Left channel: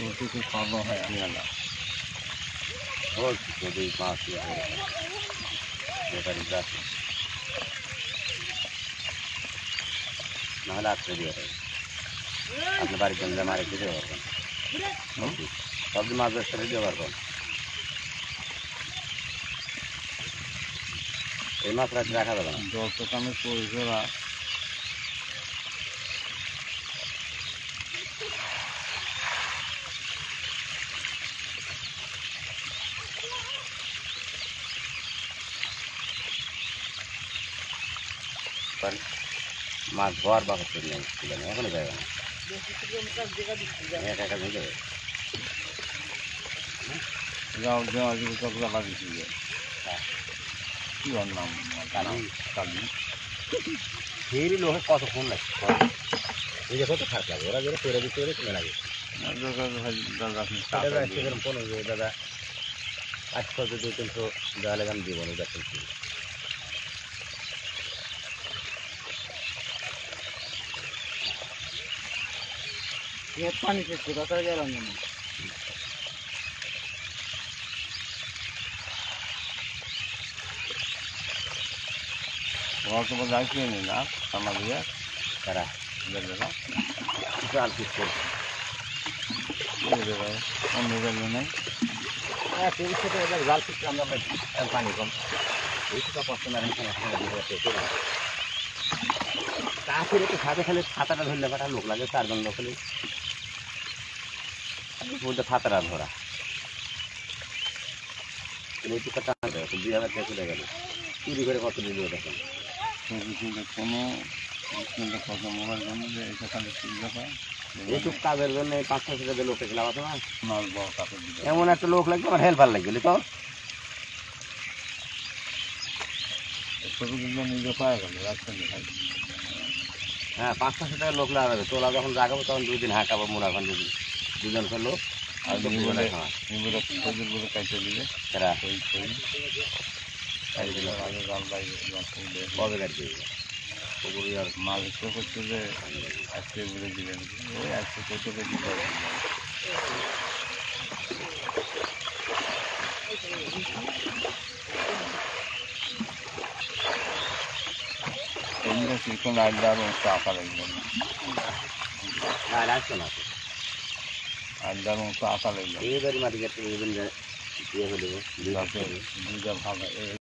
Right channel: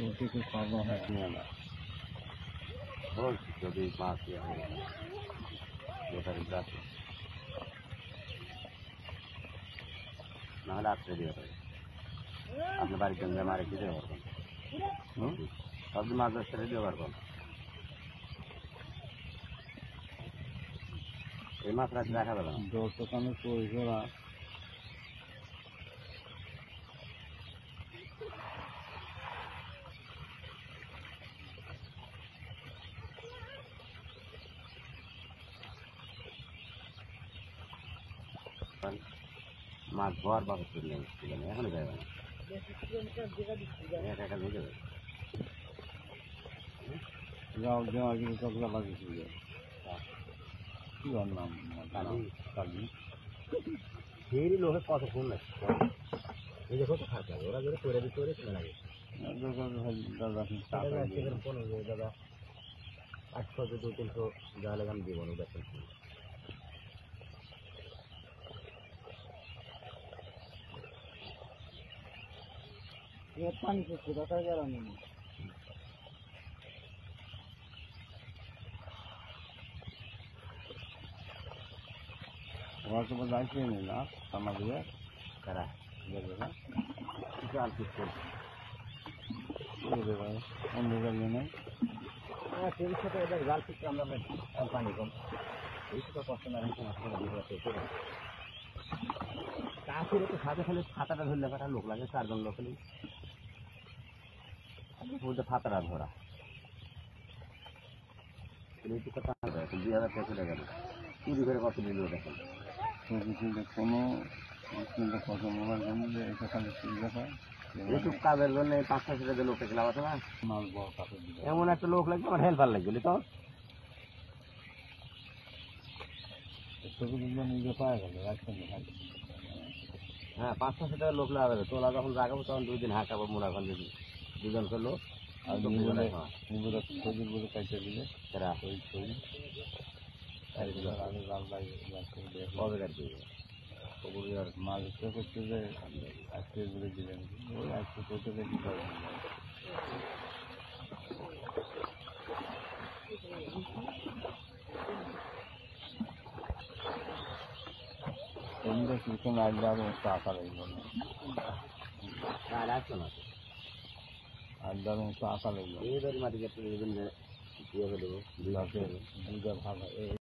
रोटी को खाना है वाला और नदी माछ या बेकारी जाती महला कर दिया अपने बारी गंजा मारे किधर और सब माछ कर दिया और ये माछ रखा था ना 200 का में कोई जरा माछ धोয়ার বাকি নেই এখনো যাবে না একা একা যাবে যাও যাও আজ কতটা লাগিয়েছি কি ওর নাম কালি ফেরি লোকে কতক্ষণ লাগে এই যে কত খারাপ লাগে ওরা যেটা করে দিতে পারে কিনে লাগে দাদা কোনো দাদা 800 200 যা লাগান দিব না দেখেন ये पानी से पूरा कर जा रहा हूँ वहाँ तो बस आके नहीं ना समझ गया करा ले लेना जाल किस को ये दे भाई हम निकल नहीं यार तेरी से तो इधर जाल किस काम में पानी कम इसी का पसंद नहीं करना काफी रे तो खाते खाली खाताटा धरले बड़ा लोक लागे 4 जन लोक ले बोलते खाताटा धरा এই কথা না 2000 টাকা চলে গেল চুরি করে কত দিল দেখেন কোনো কত মোবাইল বন্ধে এটা খালি সুবিধা পায় এইসব কাজের জন্য 500 টাকা লোকে লাগাতে না মাল বড় টাকা দিবে এমন একটা লোক লাগবে আমার হেল্পার লাগবে তো ছোট দিন নিজে পায় গেল রাখছেন ভাই হ্যাঁ 500 টাকা লোক লাগাবে তোলা যখন লাগাবো তখন 2 দিন হাঁকাবো মোড়াখান দুজন করলো আর নিবলে খজুর বলে কাটতে দিলে এরা ওই কাই দিলে আগে জাল বাইরে কবে কাটবে পুকুরের আর মাছ করতে যে আজকে বলে দিলেন ওই আজকে কত কেজি পাবে এমনি চিকন আড্ডারও টাকা লাগবে না রাখছে না আড্ডারও টাকা লাগবে এই বাড়ি মাটি কেটে দিয়ে হলে দুইটা ভাগ